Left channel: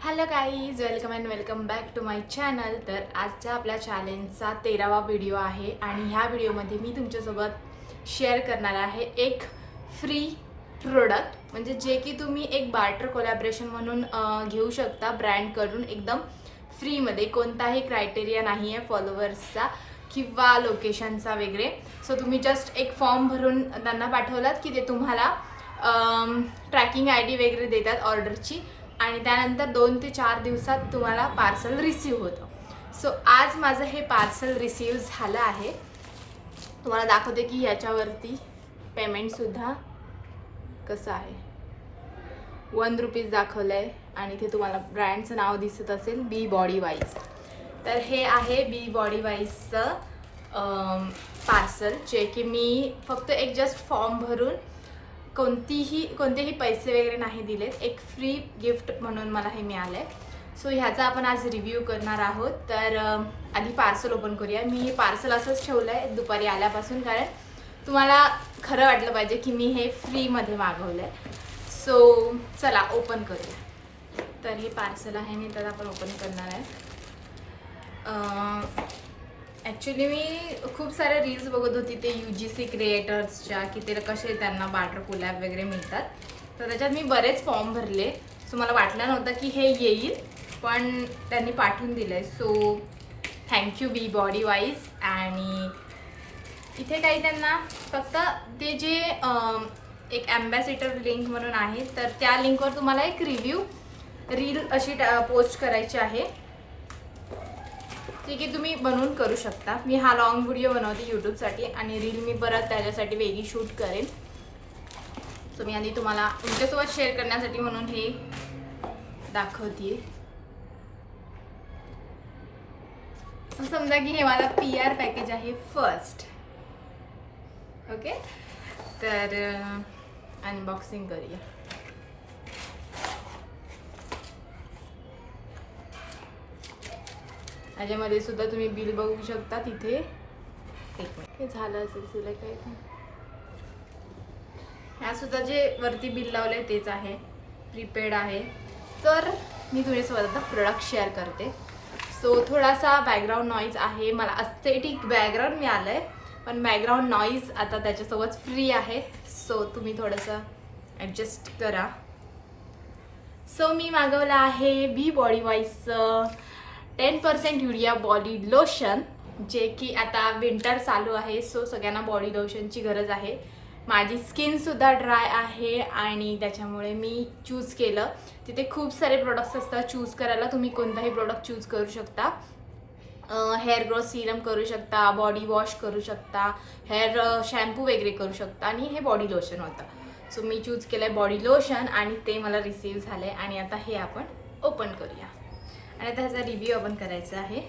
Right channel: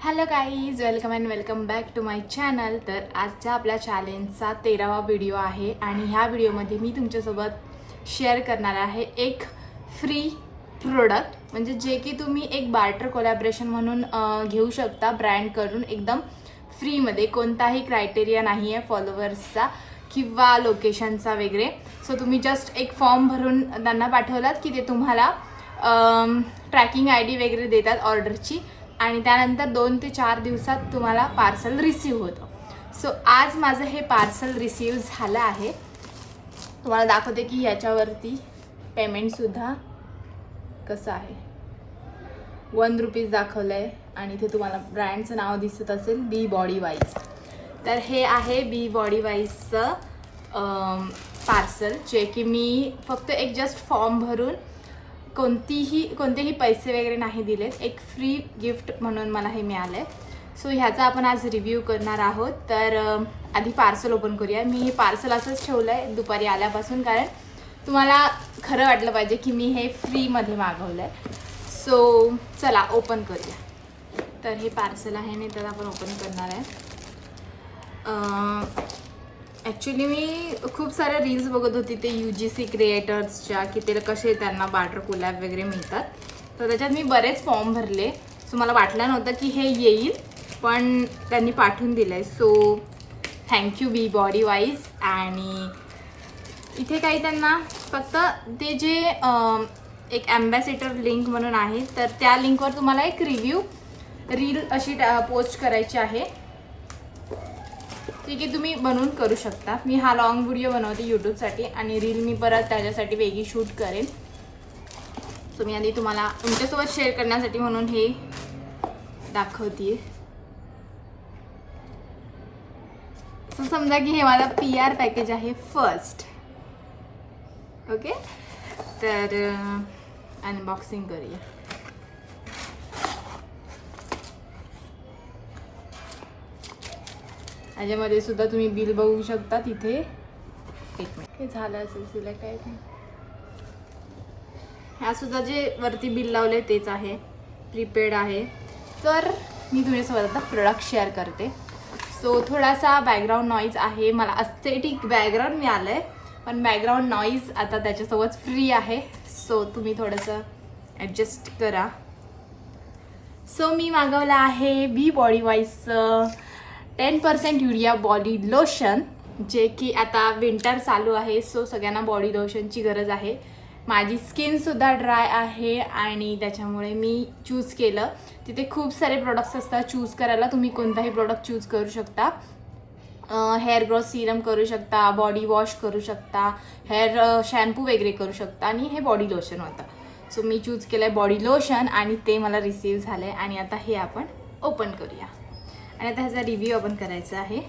Hello guys, welcome and welcome back to my channel. तर आजच्या आपल्या चॅलेंजचा 13वा व्हिडिओ आहे आणि ह्या व्हिडिओमध्ये मी तुमच्यासोबत शेअर करणार आहे एक फ्री प्रोडक्ट, म्हणजे जे की तुम्ही एक बार्टर कोलॅबरेशन म्हणून घेऊ शकता ब्रँडकडून एकदम फ्रीमध्ये. कोणताही क्रायटेरिया नाही आहे फॉलोअर्सचा किंवा लोकेशनचा वगैरे. सो तुम्ही जस्ट एक फॉर्म भरून त्यांना पाठवलात की ते तुम्हाला ट्रॅकिंग आय डी वगैरे देतात ऑर्डरची आणि त्यानंतर 2 ते 4 दिवसात तुम्हाला पार्सल रिसीव होतं. सो आज माझं हे पार्सल रिसीव झालं आहे. तुम्हाला दाखवते की याच्यावरती पेमेंटसुद्धा कसं आहे. 1 रुपीज दाखवलं आहे आणि इथे तुम्हाला ब्रँडचं नाव दिसत असेल बी बॉडी वाईज. तर हे आहे बी बॉडी वाईजचं पार्सल, जे की मी फक्त एक जस्ट फॉर्म भरून कोणतेही पैसे वगैरे नाही दिलेत, एक फ्री गिफ्ट म्हणून मला हे मिळालं आहे. सो ह्याचा आपण आज रिव्ह्यू करणार आहोत. तर आधी पार्सल ओपन करूया. मी हे पार्सल असंच ठेवलं आहे दुपारी आल्यापासून, कारण तुम्हाला खरं वाटलं पाहिजे की मी हे फ्रीमध्ये मागवलं आहे. सो चला ओपन करूया. तर हे पार्सल आहे मी तर आपण ओपन करणार आहे. ॲक्च्युली मी खूप साऱ्या रील्स बघत होती ते UGC क्रिएटर्सच्या, की ते कसे त्यांना बार्टर कोलॅब वगैरे मिळतात. तर त्याच्यात मी बरेच फॉर्म भरले. सो मला वाटलं नव्हतं की हे येईल, पण त्यांनी पाठवून दिलं आहे. सो थँक्यू बी बॉडी वाईज. आणि इथे काही त्यांना फक्त ते जे एक ॲम्बॅसेडर लिंक म्हणून आहे, तर त्या लिंकवर तुम्हाला एक रिव्ह्यू रील अशी पोस्ट करायची आहे, ठीक आहे. तुम्ही बनवून करू शकता. मी हा लॉंग व्हिडिओ बनवते यूट्यूबसाठी आणि रील मी परत त्याच्यासाठी वेगळी शूट करेन. सो मी आधी तुम्हाला तुमच्यासोबत शेअर करण्यासाठी म्हणून हे दाखवते. असं समजा की हे माझा PR पॅकेज आहे फर्स्ट. ओके, तर अनबॉक्सिंग करूया. याच्यामध्ये सुद्धा तुम्ही बिल बघू शकता. तिथे एक मिनिट हे झालं असेल सिलेक्ट आहे ते. ह्या सुद्धा जे वरती बिल लावले तेच आहे, प्रीपेड आहे. तर मी तुमच्यासोबत आता प्रोडक्ट शेअर करते. सो थोडासा बॅकग्राऊंड नॉईज आहे. मला अस्थेटिक बॅकग्राऊंड मिळालं आहे, पण बॅकग्राऊंड नॉईज आता त्याच्यासोबत फ्री आहे. सो तुम्ही थोडंसं ॲडजस्ट करा. सो मी मागवलं आहे बी बॉडी वाईजचं 10% युरिया बॉडी लोशन, जे की आता विंटर चालू आहे. सो सगळ्यांना बॉडी लोशनची गरज आहे. माझी स्किनसुद्धा ड्राय आहे आणि त्याच्यामुळे मी चूज केलं. तिथे खूप सारे प्रोडक्ट्स असतात चूज करायला. तुम्ही कोणताही प्रोडक्ट चूज करू शकता. हेअर ग्रोथ सिरम करू शकता, बॉडी वॉश करू शकता, हेअर शॅम्पू वगैरे करू शकता आणि हे बॉडी लोशन होतं. सो मी चूज केलं आहे बॉडी लोशन आणि ते मला रिसीव झालं आहे. आणि आता हे आपण ओपन करूया आणि आता ह्याचा रिव्ह्यू आपण करायचा आहे.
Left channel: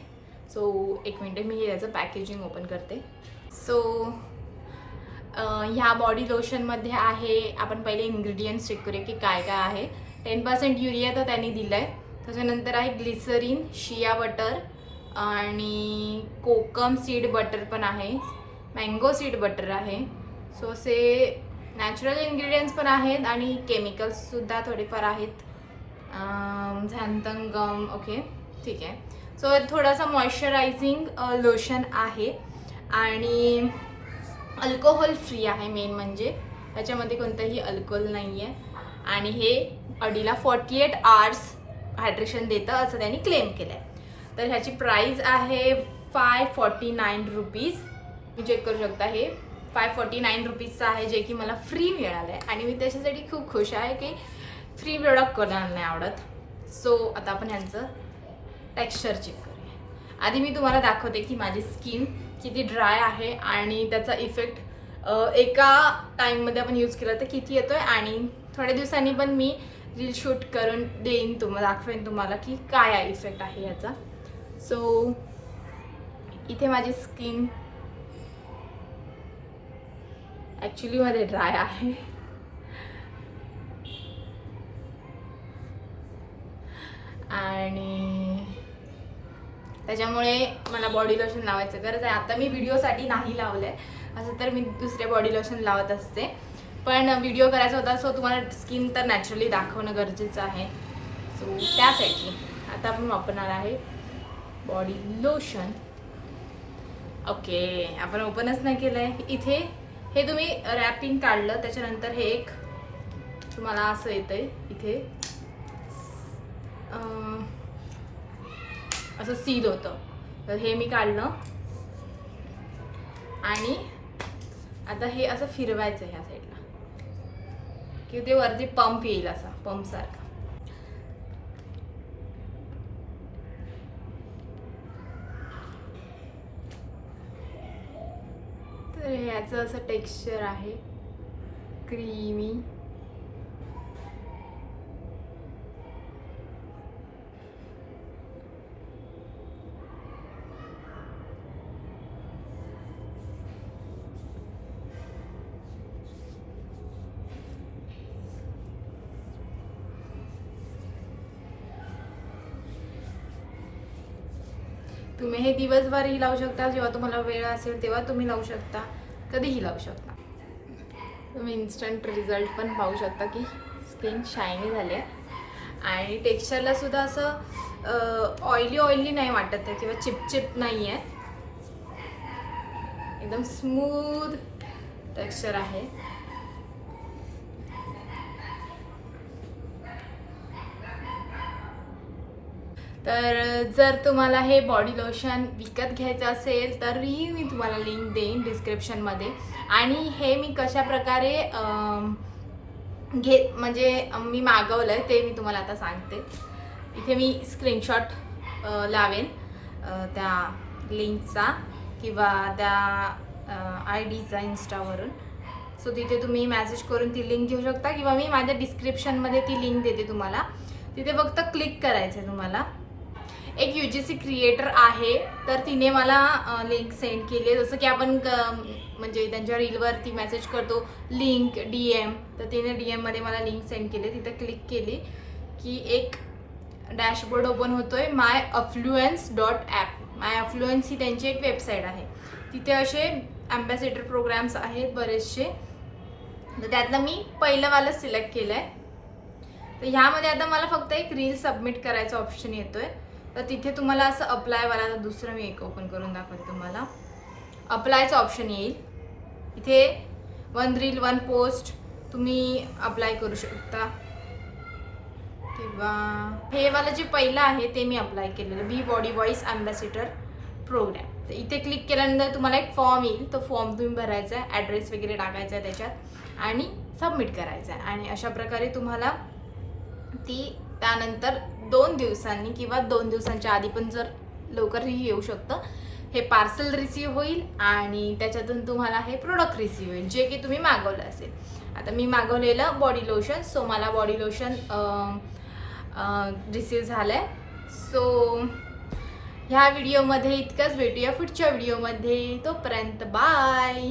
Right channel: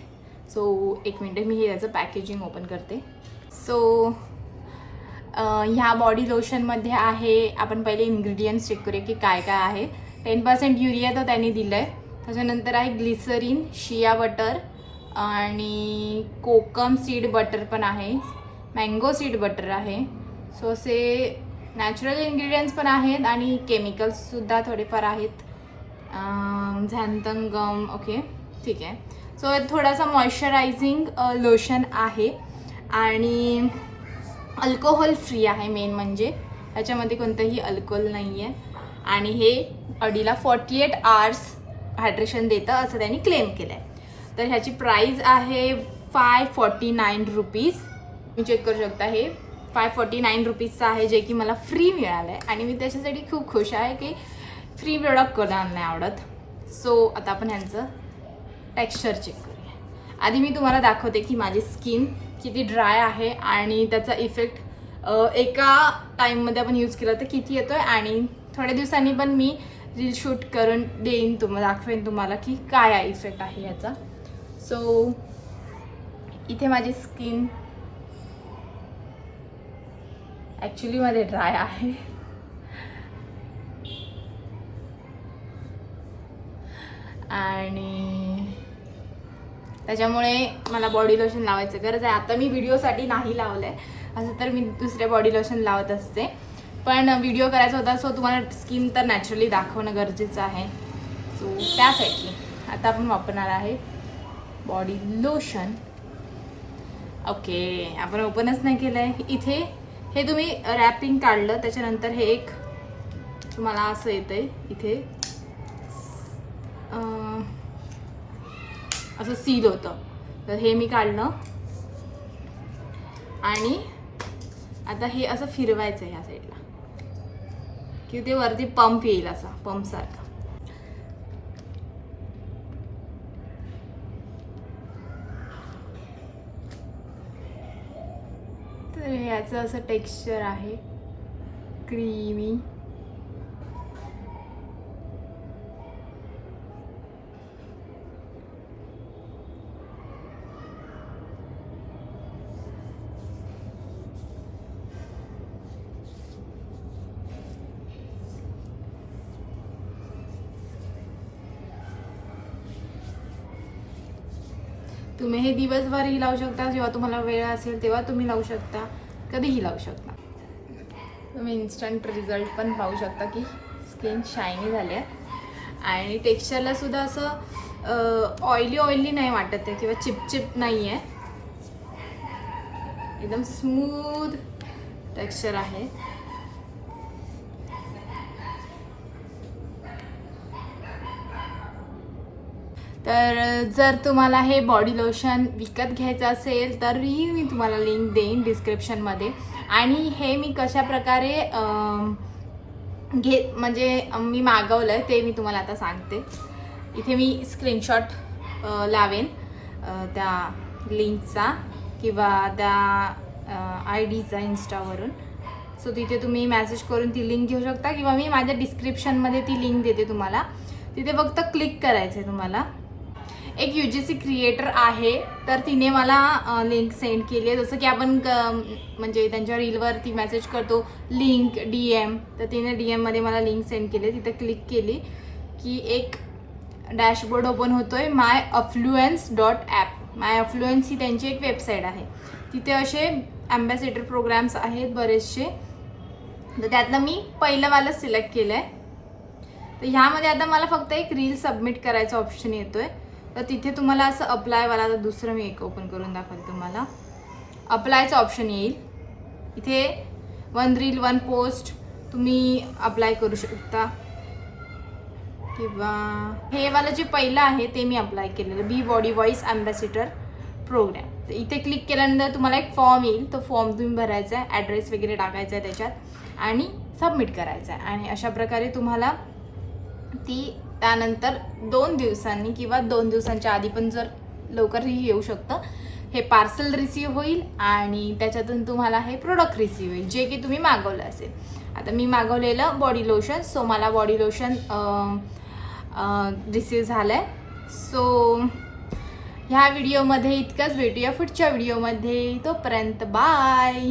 सो एक मिनिट मी हे याचं पॅकेजिंग ओपन करते. सो ह्या बॉडी लोशनमध्ये आहे, आपण पहिले इन्ग्रेडियंट्स चेक करूया की काय काय आहे. 10% युरिया तर त्यांनी दिलं आहे. त्याच्यानंतर आहे ग्लिसरीन, शिया बटर आणि कोकम सीड बटर पण आहे, मँगो सीड बटर आहे. सो असे नॅचरल इन्ग्रेडियंट्स पण आहेत आणि केमिकल्ससुद्धा थोडेफार आहेत. झॅन्थन ओके, ठीक आहे. सो थोडासा मॉइश्चरायझिंग लोशन आहे आणि अल्कोहोल फ्री आहे. मेन म्हणजे ह्याच्यामध्ये कोणतंही अल्कोहोल नाही आहे आणि हे अडीला 48 आवर्स हायड्रेशन देतं असं त्यांनी क्लेम केलं आहे. तर ह्याची प्राईज आहे 549 रुपीज. मी चेक करू शकता, हे 549 रुपीजचं आहे, जे की मला फ्री मिळालं आहे आणि मी त्याच्यासाठी खूप खुश आहे की फ्री प्रोडक्ट कोणाला नाही आवडत. सो आता आपण ह्यांचं टेक्स्चर चेक करूया. आधी मी तुम्हाला दाखवते की माझी स्किन किती ड्राय आहे आणि त्याचा इफेक्ट एका टाईममध्ये आपण यूज केला तर किती येतो आहे. आणि थोड्या दिवसांनी पण मी रील शूट करून देईन, दाखवेन तुम्हाला की काय इफेक्ट आहे याचा. सो इथे माझी स्किन ॲक्च्युली मध्ये ड्राय आहे आणि त्याच्यामुळे मला बॉडी लोशन लावायचं गरज आहे. आता मी व्हिडिओसाठी नाही लावलं आहे, असं तर मी दुसरे बॉडी लोशन लावत असते, पण व्हिडिओ करायचा होता. सो तुम्हाला स्किन तर नॅचरली दाखवणं गरजेचं आहे. सो त्यासाठी आता आपण वापरणार आहे बॉडी लोशन. ओके, आपण ओपनच नाही केलं आहे. इथे हे तुम्ही रॅपिंग काढलं त्याच्यानंतर हे एक तुम्हाला असं येतं आहे इथे असं सील होतं. तर हे मी काढलं आणि आता हे असं फिरवायचं ह्या साईडला की ते वरती पंप येईल, असा पंपसारखा. तर ह्याचं असं टेक्स्चर आहे क्रीमी. तुम्ही हे दिवसभरही लावू शकता, जेव्हा तुम्हाला वेळ असेल तेव्हा तुम्ही लावू शकता, कधीही लावू शकता. तुम्ही इन्स्टंट रिझल्ट पण पाहू शकता की स्किन शायनी झाली आहे आणि टेक्स्चरला सुद्धा असं ऑइली नाही वाटत आहे किंवा चिपचिप नाही आहे. एकदम स्मूथ टेक्स्चर आहे. तर जर तुम्हाला हे बॉडी लोशन विकत घ्यायचं असेल तरी मी तुम्हाला लिंक देईन डिस्क्रिप्शनमध्ये. आणि हे मी कशा प्रकारे म्हणजे मी मागवलं आहे ते मी तुम्हाला आता सांगते. इथे मी स्क्रीनशॉट लावेन त्या लिंकचा किंवा त्या ID चा इंस्टावरून. सो तिथे तुम्ही मेसेज करून ती लिंक घेऊ शकता किंवा मी माझ्या डिस्क्रिप्शनमध्ये ती लिंक देते तुम्हाला. तिथे फक्त क्लिक करायचं आहे तुम्हाला. एक UGC क्रिएटर आहे तर तिने मला लिंक सेंड केली आहे. जसं की आपण म्हणजे त्यांच्या रीलवरती मेसेज करतो लिंक DM, तर तिने DMमध्ये मला लिंक सेंड केली. तिथे क्लिक केली की एक डॅशबोर्ड ओपन होतोय myAffluence.app. myAffluence ही त्यांची एक वेबसाईट आहे. तिथे असे ॲम्बॅसेडर प्रोग्राम्स आहेत बरेचसे. तर त्यातलं मी पहिलंवालं सिलेक्ट केलं आहे. तर ह्यामध्ये आता मला फक्त एक रील सबमिट करायचा ऑप्शन येतोय. तर तिथे तुम्हाला असं अप्लायवाला, तर दुसरं मी एक ओपन करून दाखवते तुम्हाला. अप्लायचं ऑप्शन येईल. इथे 1 रील 1 पोस्ट तुम्ही अप्लाय करू शकता किंवा हे वाला जे पहिलं आहे ते मी अप्लाय केलेलं बी बॉडी वॉइस ॲम्बॅसेडर प्रोग्राम. तर इथे क्लिक केल्यानंतर तुम्हाला एक फॉर्म येईल. तो फॉर्म तुम्ही भरायचा आहे, ॲड्रेस वगैरे टाकायचा आहे त्याच्यात आणि सबमिट करायचा आहे. आणि अशा प्रकारे तुम्हाला ती त्यानंतर 2 दिवसांनी किंवा 2 दिवसांच्या आधी पण जर लवकरही येऊ शकतं, हे पार्सल रिसीव होईल आणि त्याच्यातून तुम्हाला हे प्रोडक्ट रिसीव होईल जे की तुम्ही मागवलं असेल. आता मी मागवलेलं बॉडी लोशन, सो मला बॉडी लोशन रिसीव झालं आहे. सो ह्या व्हिडिओमध्ये इतकंच. भेटूया पुढच्या व्हिडिओमध्ये. तोपर्यंत बाय.